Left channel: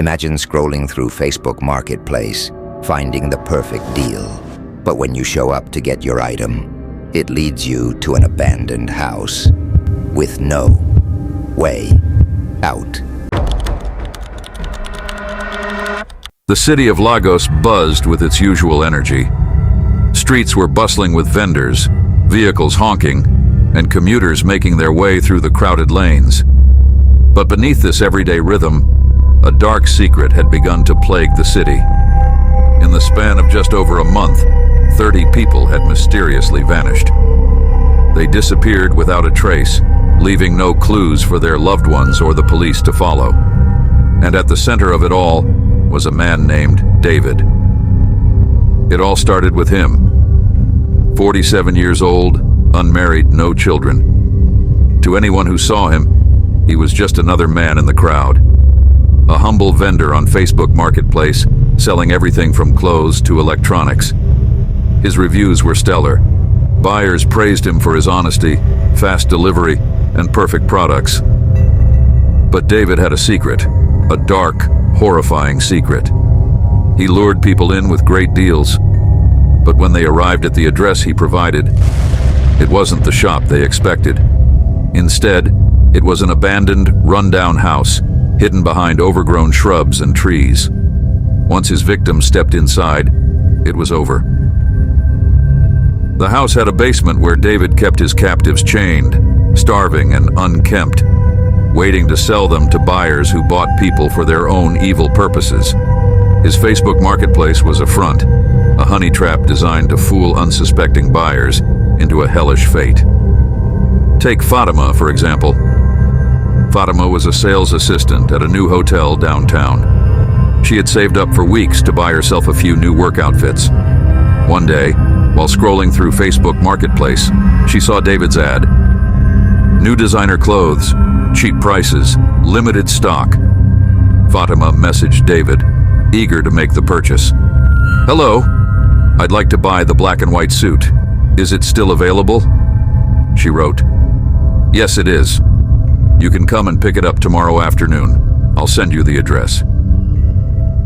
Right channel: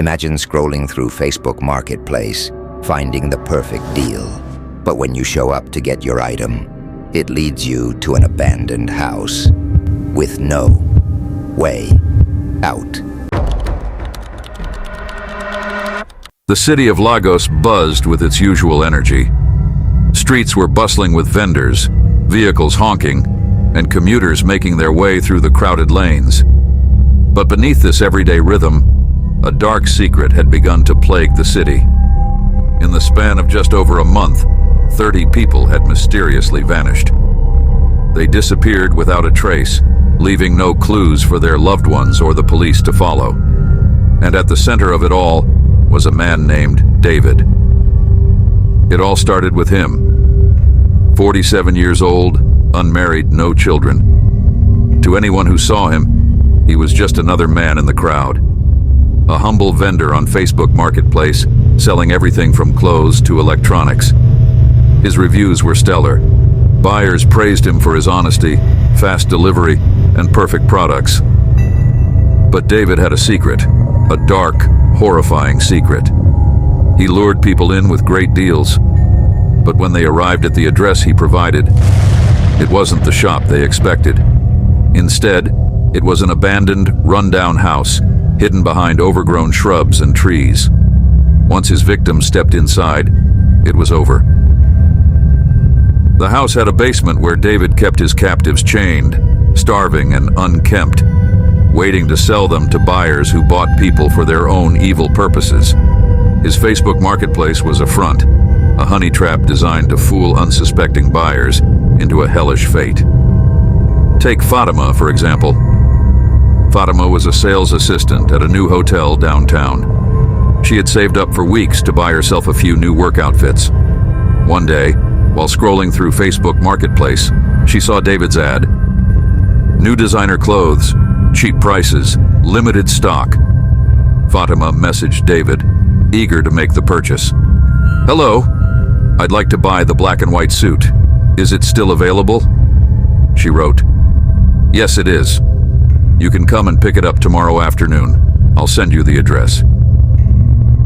Imagine scrolling through Facebook Marketplace, finding the perfect deal. But when you show up to get your item, it leads you to an abandoned house with no way out. The city of Lagos buzzed with its usual energy. Streets were bustling with vendors, vehicles honking, and commuters making their way through the crowded lanes. But beneath this everyday rhythm, a dark secret had begun to plague the city. In the span of just over a month, 30 people had mysteriously vanished. They disappeared without a trace, leaving no clues for their loved ones or the police to follow. And at the center of it all was a man named David. It all started with him. 47 years old, unmarried, no children. To anyone who saw him, he was just another man in the crowd. A humble vendor on Facebook Marketplace, selling everything from clothes to electronics. His reviews were stellar. Buyers praised him for his honesty, fast delivery, and perfect products. But David had a secret, a dark, horrifying secret. He lured people in with great deals, but when they arrived at the address he provided, it wasn't the shop they expected. Instead, it was an abandoned, run-down house, hidden behind overgrown shrubs and trees. Once his victim stepped inside, it was over. The house had a basement where David kept his captives chained, starving and unkempt, waiting to sell them to buyers who bought people for their own evil purposes. His Facebook Marketplace was a front, a honey trap designed to fool unsuspecting buyers into a hellish fate. Take Fatima, for example. Fatima was a sales assistant at a new hotel downtown. She had saved up for weeks to buy herself a few new work outfits. One day, while scrolling through Facebook Marketplace, she saw David's ad. New designer clothes, cheap prices, limited stock. Fatima messaged David, eager to make the purchase. "Hello, I'd like to buy the black and white suit. Is it still available?" She wrote, "Yes, it is. You can come and pick it up tomorrow afternoon. I'll send you the address."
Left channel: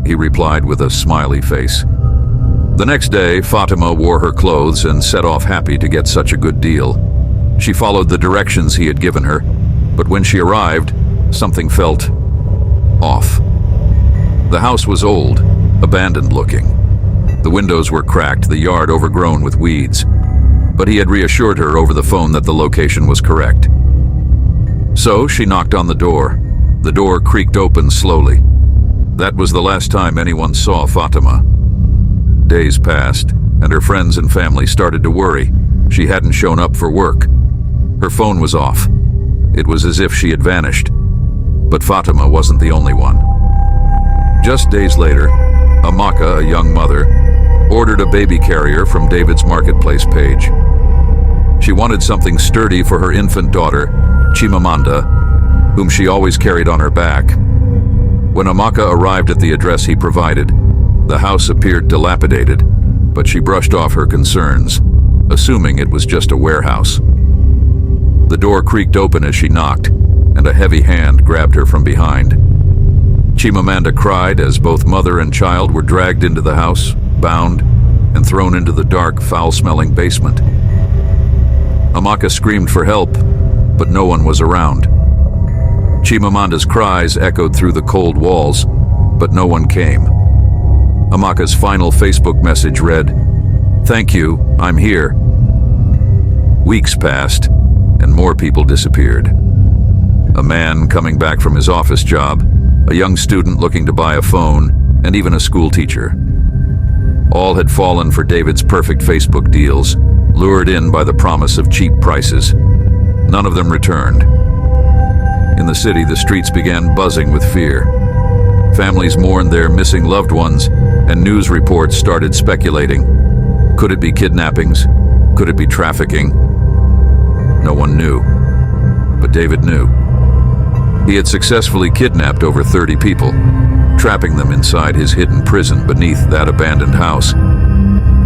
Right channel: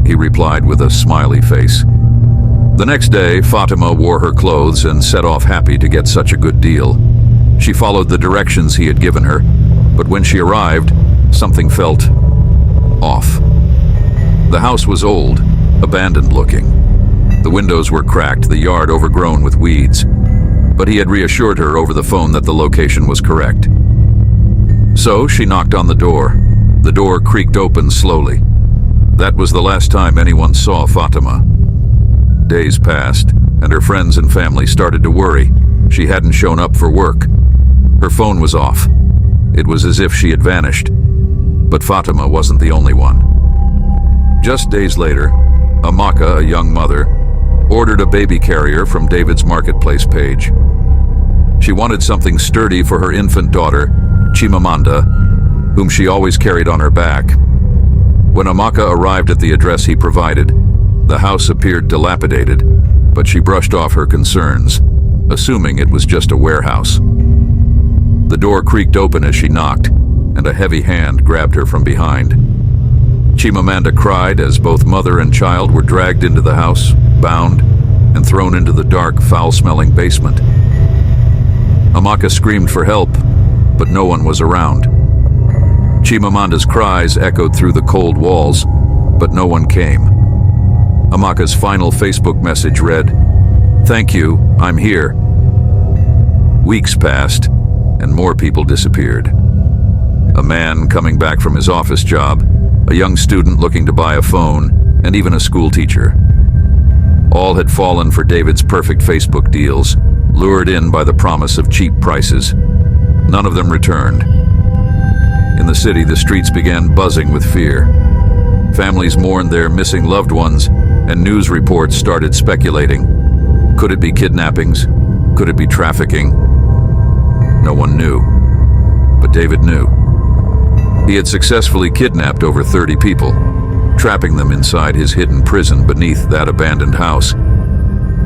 He replied with a smiley face. The next day, Fatima wore her clothes and set off happy to get such a good deal. She followed the directions he had given her, but when she arrived, something felt off. The house was old, abandoned looking. The windows were cracked, the yard overgrown with weeds. But he had reassured her over the phone that the location was correct. So she knocked on the door. The door creaked open slowly. That was the last time anyone saw Fatima. Days passed, and her friends and family started to worry. She hadn't shown up for work. Her phone was off. It was as if she had vanished. But Fatima wasn't the only one. Just days later, Amaka, a young mother, ordered a baby carrier from David's Marketplace page. She wanted something sturdy for her infant daughter, Chimamanda, whom she always carried on her back. When Amaka arrived at the address he provided, the house appeared dilapidated, but she brushed off her concerns, assuming it was just a warehouse. The door creaked open as she knocked, and a heavy hand grabbed her from behind. Chimamanda cried as both mother and child were dragged into the house, bound, and thrown into the dark, foul-smelling basement. Amaka screamed for help, but no one was around. Chimamanda's cries echoed through the cold walls, but no one came. Amaka's final Facebook message read, "Thank you, I'm here." Weeks passed, and more people disappeared. A man coming back from his office job, a young student looking to buy a phone, and even a school teacher. All had fallen for David's perfect Facebook deals, lured in by the promise of cheap prices. None of them returned. In the city, the streets began buzzing with fear. Families mourned their missing loved ones, and news reports started speculating. Could it be kidnappings? Could it be trafficking? No one knew. But David knew. He had successfully kidnapped over 30 people, trapping them inside his hidden prison beneath that abandoned house.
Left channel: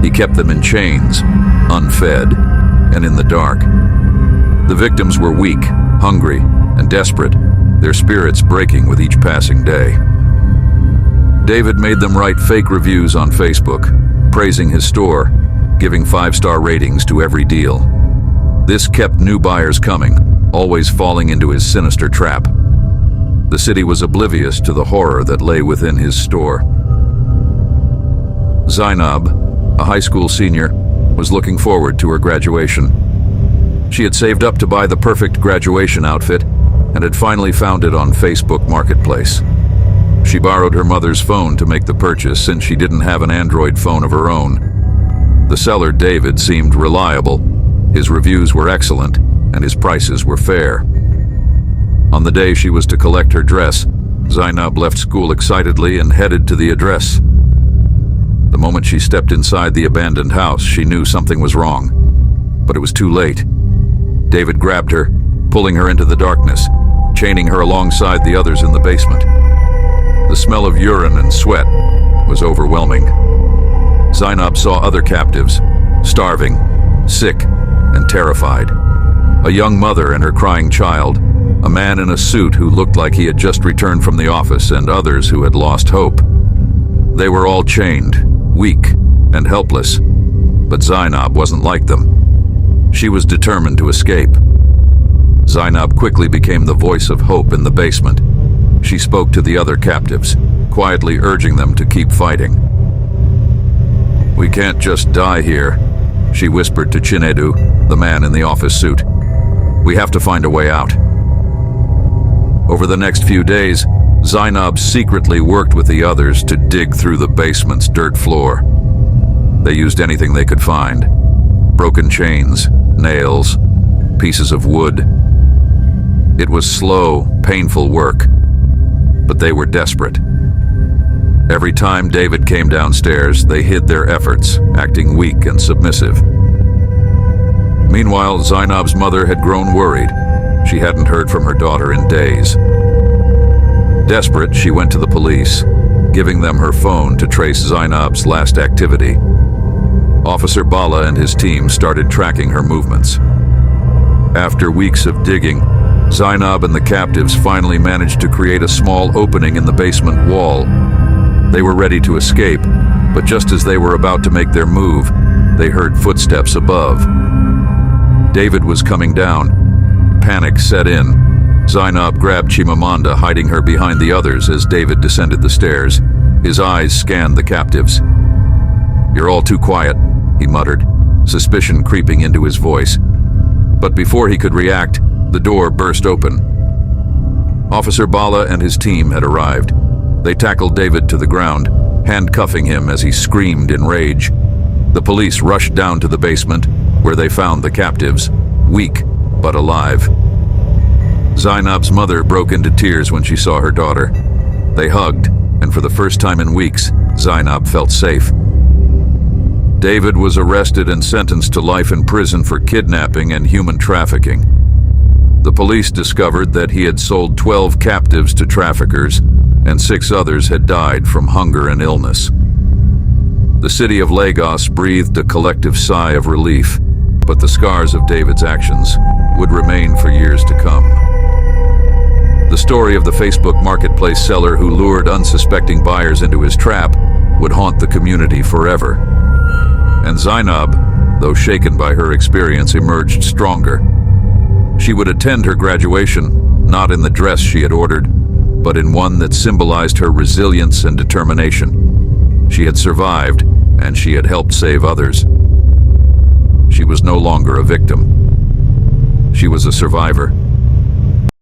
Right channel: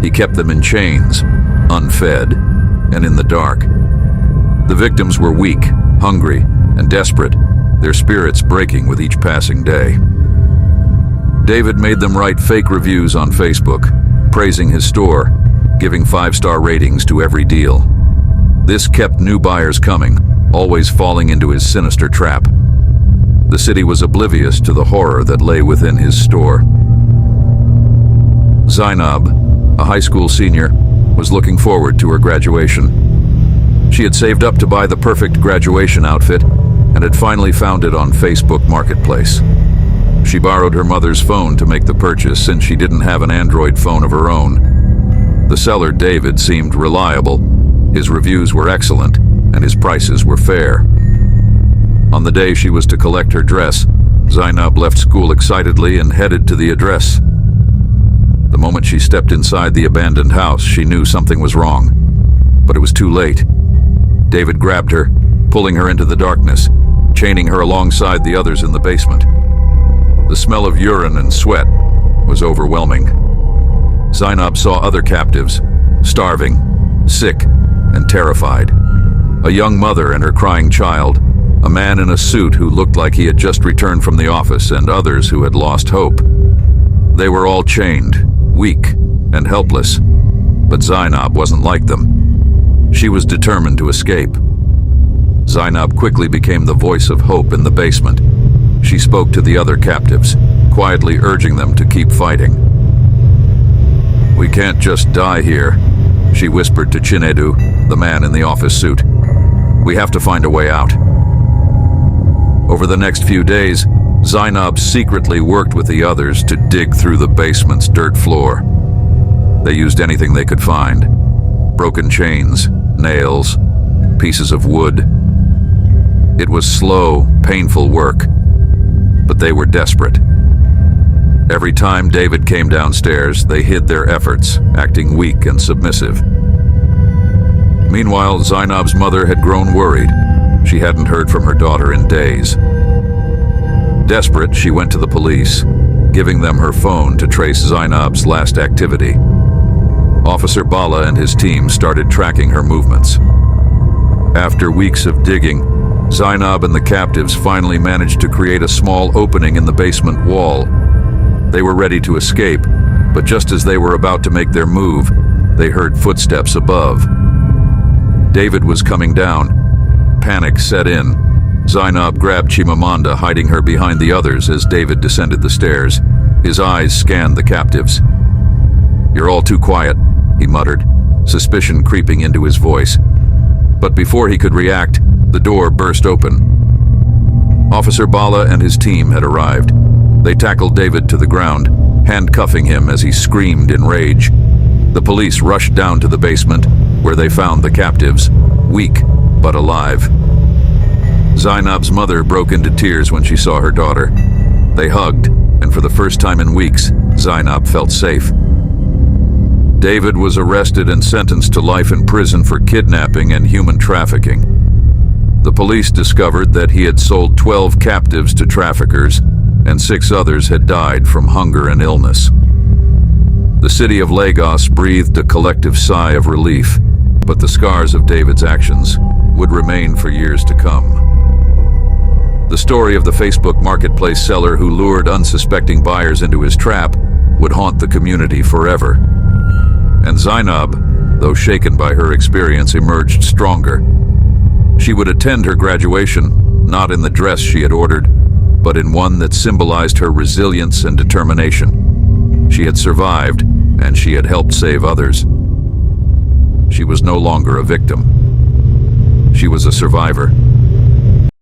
He kept them in chains, unfed, and in the dark. The victims were weak, hungry, and desperate, their spirits breaking with each passing day. David made them write fake reviews on Facebook, praising his store, giving 5-star ratings to every deal. This kept new buyers coming, always falling into his sinister trap. The city was oblivious to the horror that lay within his store. Zainab, a high school senior, was looking forward to her graduation. She had saved up to buy the perfect graduation outfit and had finally found it on Facebook Marketplace. She borrowed her mother's phone to make the purchase since she didn't have an Android phone of her own. The seller, David, seemed reliable. His reviews were excellent, and his prices were fair. On the day she was to collect her dress, Zainab left school excitedly and headed to the address. The moment she stepped inside the abandoned house, she knew something was wrong. But it was too late. David grabbed her, pulling her into the darkness, chaining her alongside the others in the basement. The smell of urine and sweat was overwhelming. Zainab saw other captives, starving, sick, and terrified. A young mother and her crying child, a man in a suit who looked like he had just returned from the office, and others who had lost hope. They were all chained, weak, and helpless, but Zainab wasn't like them. She was determined to escape. Zainab quickly became the voice of hope in the basement. She spoke to the other captives, quietly urging them to keep fighting. "We can't just die here," she whispered to Chinedu, the man in the office suit. "We have to find a way out." Over the next few days, Zainab secretly worked with the others to dig through the basement's dirt floor. They used anything they could find: broken chains, nails, pieces of wood. It was slow, painful work, but they were desperate. Every time David came downstairs, they hid their efforts, acting weak and submissive. Meanwhile, Zainab's mother had grown worried. She hadn't heard from her daughter in days. Desperate, she went to the police, giving them her phone to trace Zainab's last activity. Officer Bala and his team started tracking her movements. After weeks of digging, Zainab and the captives finally managed to create a small opening in the basement wall. They were ready to escape, but just as they were about to make their move, they heard footsteps above. David was coming down. Panic set in. Zainab grabbed Chimamanda, hiding her behind the others as David descended the stairs. His eyes scanned the captives. "You're all too quiet," he muttered, suspicion creeping into his voice. But before he could react, the door burst open. Officer Bala and his team had arrived. They tackled David to the ground, handcuffing him as he screamed in rage. The police rushed down to the basement, where they found the captives, weak but alive. Zainab's mother broke into tears when she saw her daughter. They hugged, and for the first time in weeks, Zainab felt safe. David was arrested and sentenced to life in prison for kidnapping and human trafficking. The police discovered that he had sold 12 captives to traffickers, and 6 others had died from hunger and illness. The city of Lagos breathed a collective sigh of relief, but the scars of David's actions would remain for years to come. The story of the Facebook Marketplace seller who lured unsuspecting buyers into his trap would haunt the community forever. And Zainab, though shaken by her experience, emerged stronger. She would attend her graduation, not in the dress she had ordered, but in one that symbolized her resilience and determination. She had survived, and she had helped save others. She was no longer a victim. She was a survivor.